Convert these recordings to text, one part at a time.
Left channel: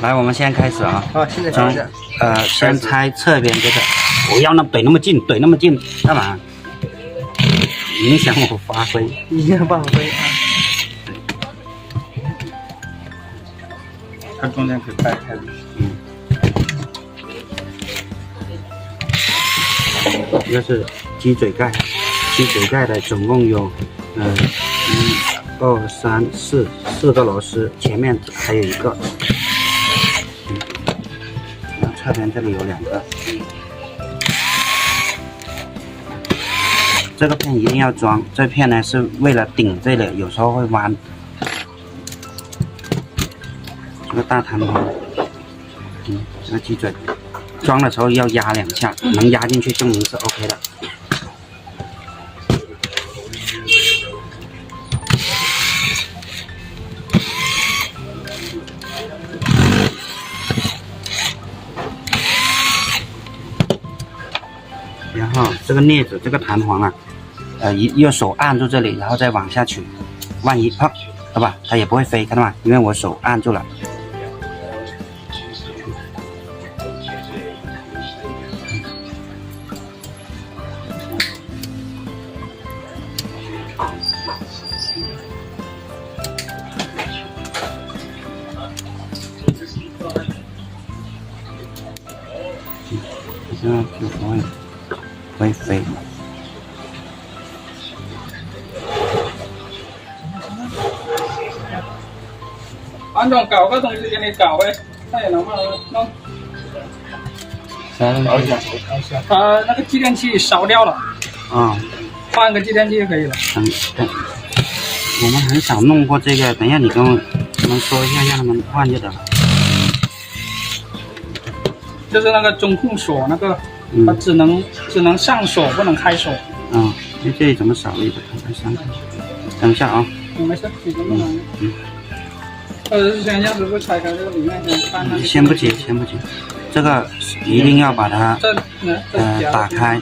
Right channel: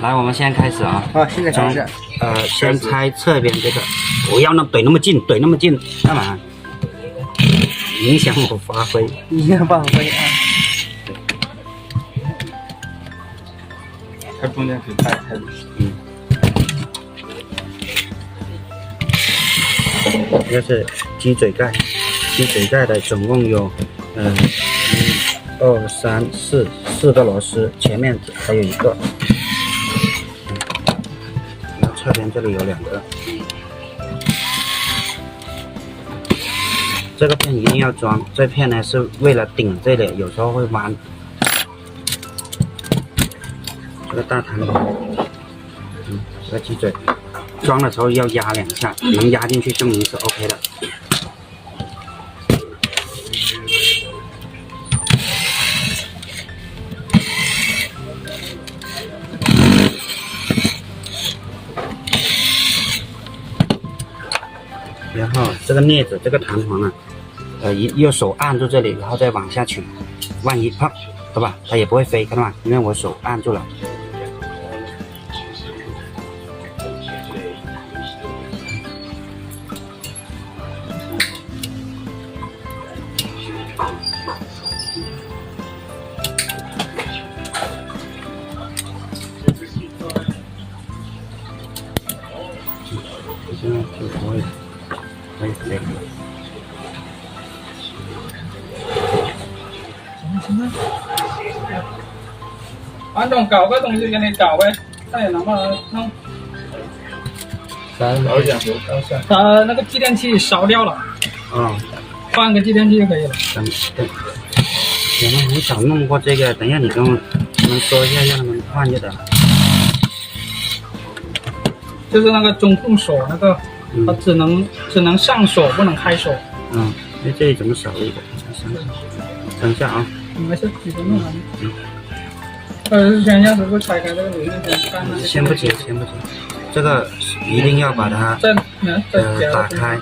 来，我们现在开始啊。好，现在开始。先拆侧边这个，不要怼那么近，怼那么近干嘛？影响我发挥。影响发挥啊。它中间可以掰开。这是鸡嘴盖，鸡嘴盖的总共有1、2、3、4个螺丝，前面还有一个。然后侧边这里有2个。这个片一定要装，这片呢是为了顶这里，有时候会弯。这个大弹簧，这个鸡嘴，装的时候要压2下，能压进去证明是 OK 的。然后这个镊子，这个弹簧啊，用手按住这里，然后再往下取，万一啪，对吧？它也不会飞，看到吗？因为我手按住了。现在就不会飞。安装搞个东西给你搞呗，他也能帮弄。搞一下，它那个继电器烧掉了。换个继电器就可以了。等，我们很少弄过这个，等一下你跟我们说一下，让他们换就得了。就是那个中控锁那个，它只能上锁，不能开锁。这里怎么少了一个？等一下啊。没事，你就弄完。先让师傅拆开这个里面先看。先不急，这个一定要把它打开。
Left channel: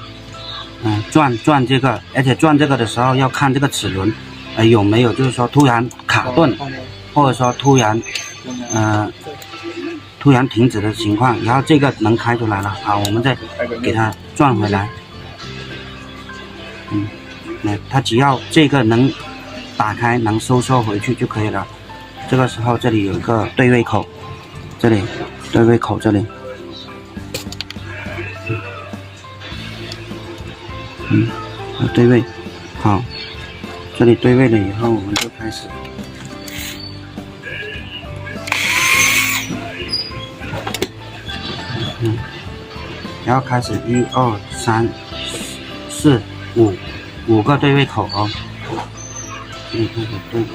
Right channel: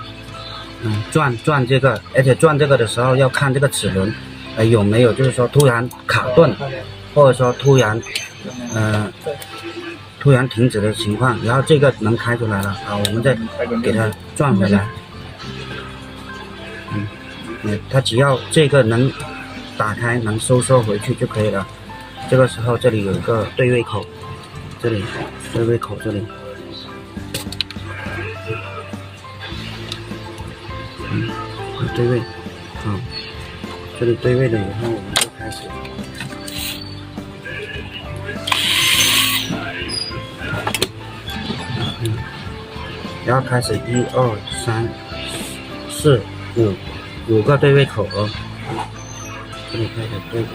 转这个，而且转这个的时候要看这个齿轮，有没有就是说突然卡顿，或者说突然停止的情况，然后这个能开出来了，好，我们再给它转回来。它只要这个能打开，能收缩回去就可以了。这个时候这里有一个对位口，这里对位口这里，对位，好，这里对位了以后，我们就开始。然后开始1、2、3、4、5个对位口哦，这里开始对位。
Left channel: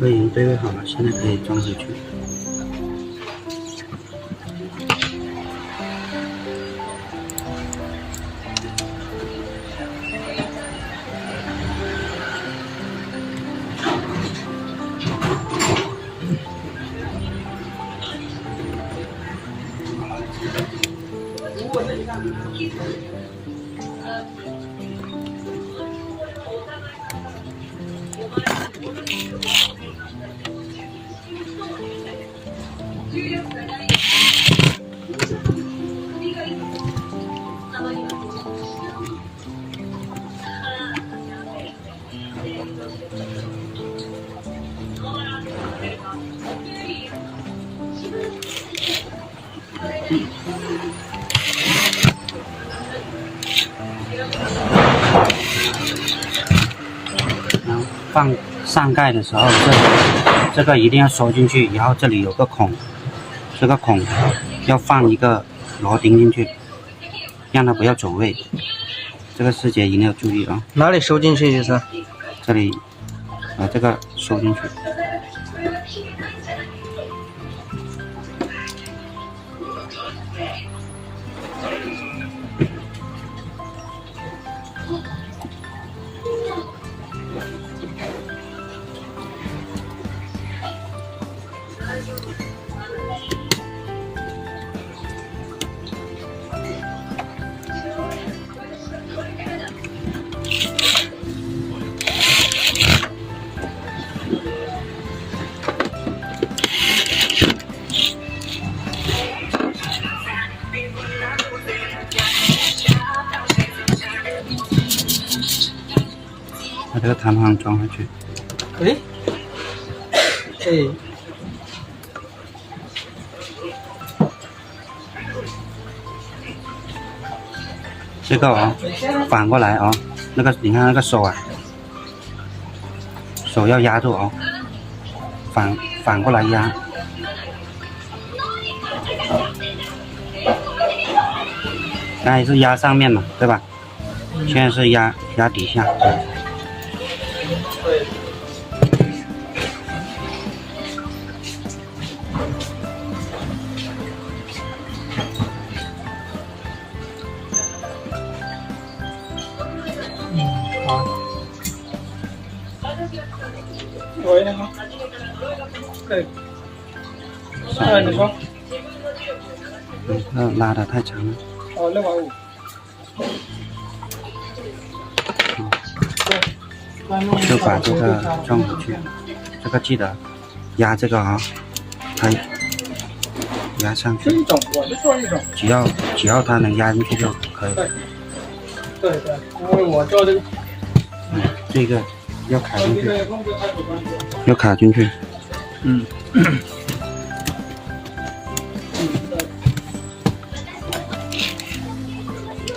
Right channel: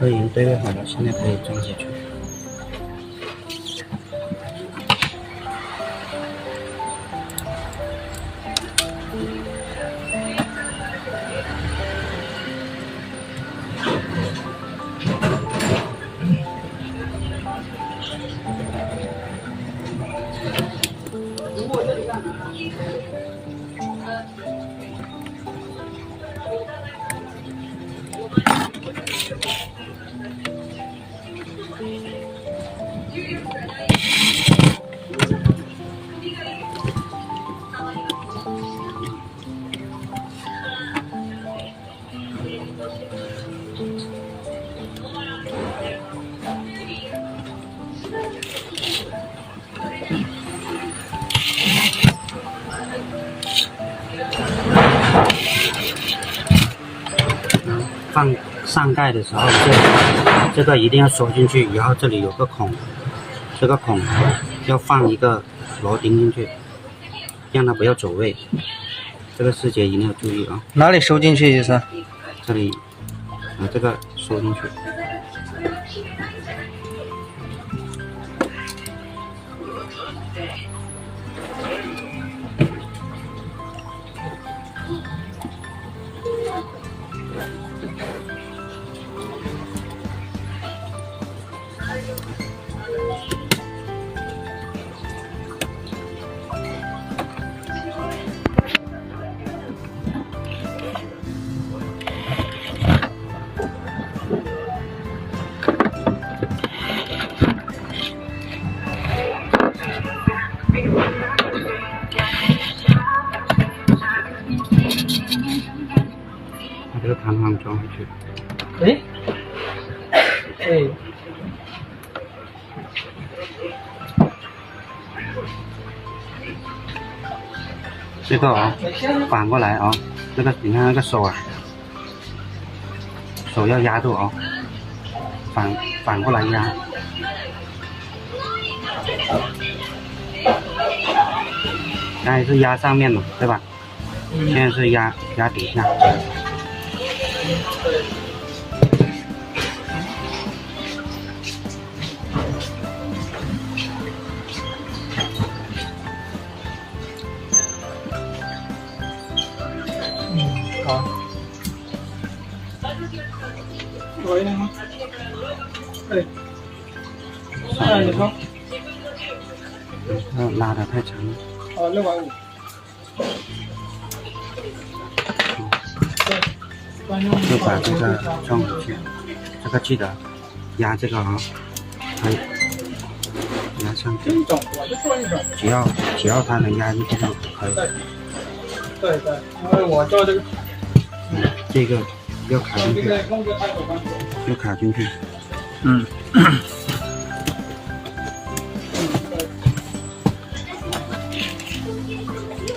都已经对位好了，现在可以装回去。然后放上盖的时候，这个一定要缩进去，然后这里有个孔，这个孔要放一个螺钉进去，让它不要走位。这个细节一定要注意啊！哪里收进去意思？这里，这个收进去。把这个弹簧装回去。这个反过来那个你看那个手手要压住反过来压。刚才是压上面嘛，对吧？现在是压底下。好。喂，你说。拉的太长了。650。就把这个装回去，这个记得压这个它压上去。这一种，我就做一种。只要它能压进去就可以。对，因为我做这个。这个要卡进去。要卡进去。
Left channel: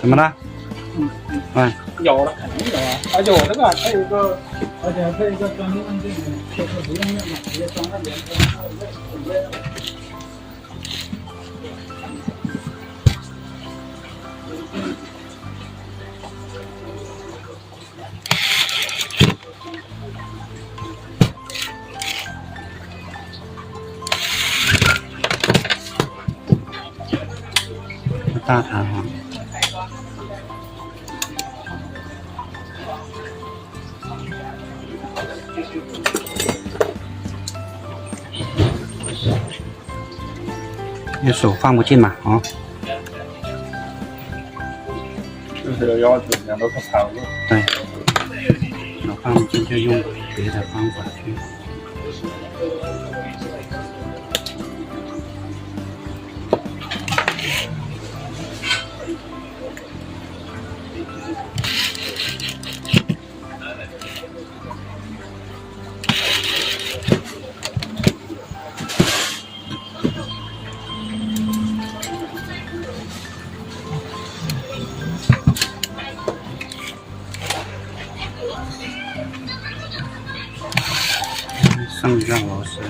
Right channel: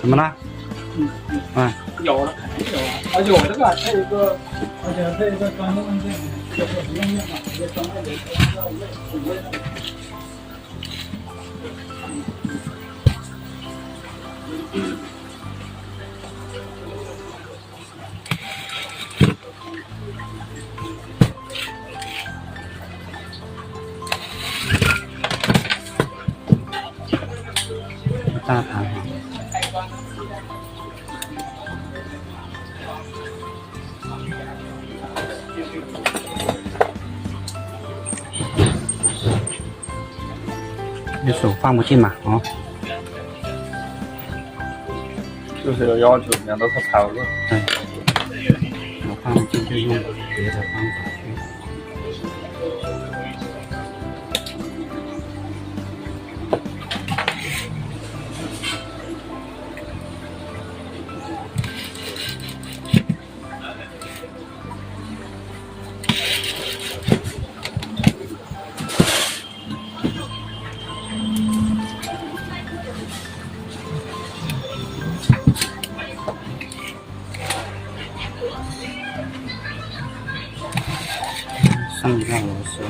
怎么了？有了，肯定有啊！而且我这个还有一个，而且还有一个专用这个，就是不用面板，直接装在连接上位。大弹簧。你手放不进嘛，就是有要求，让到它跑了。对，手放不进就用别的方法去。上一个螺丝，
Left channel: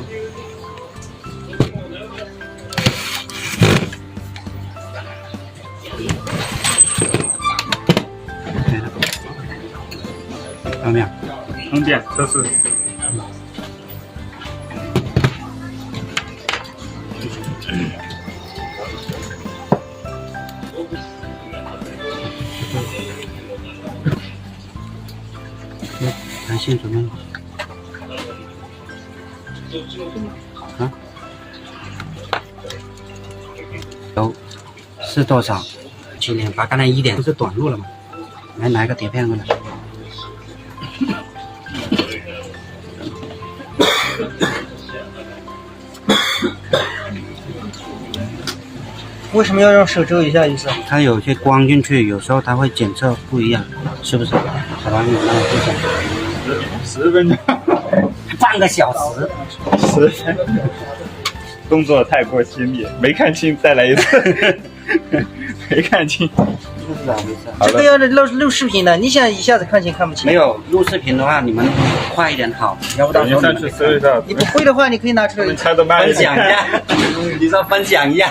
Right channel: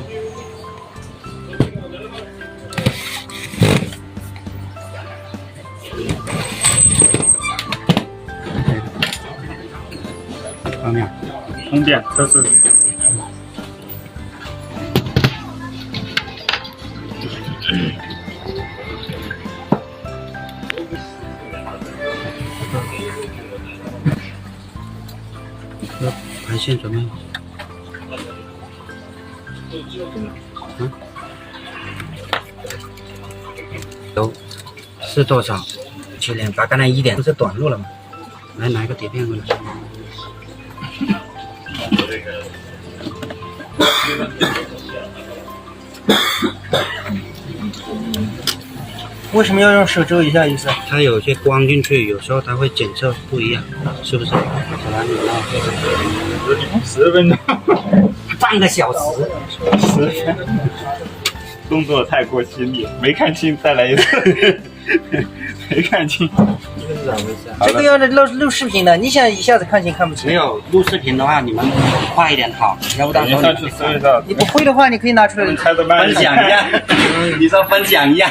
后面充电测试。盘线准备。是多少？7.8，把刚才1点不是短路了吗？来拿一个碟片过来。为什么要用手遮一下意思？它有些光进去，有时候它会检测不一样，是不是？然后你要这种10分钟，半个小时，动作太过犀利，没看清，再来一次。没看清，这个是咋回事？这个要是录视频的，你想一下子看清看不清？没有录视频的话，你们快一点好，要不到时候上去搜一下。你不会的话，你可以拿出来猜的慢分享一下。你说分享一下。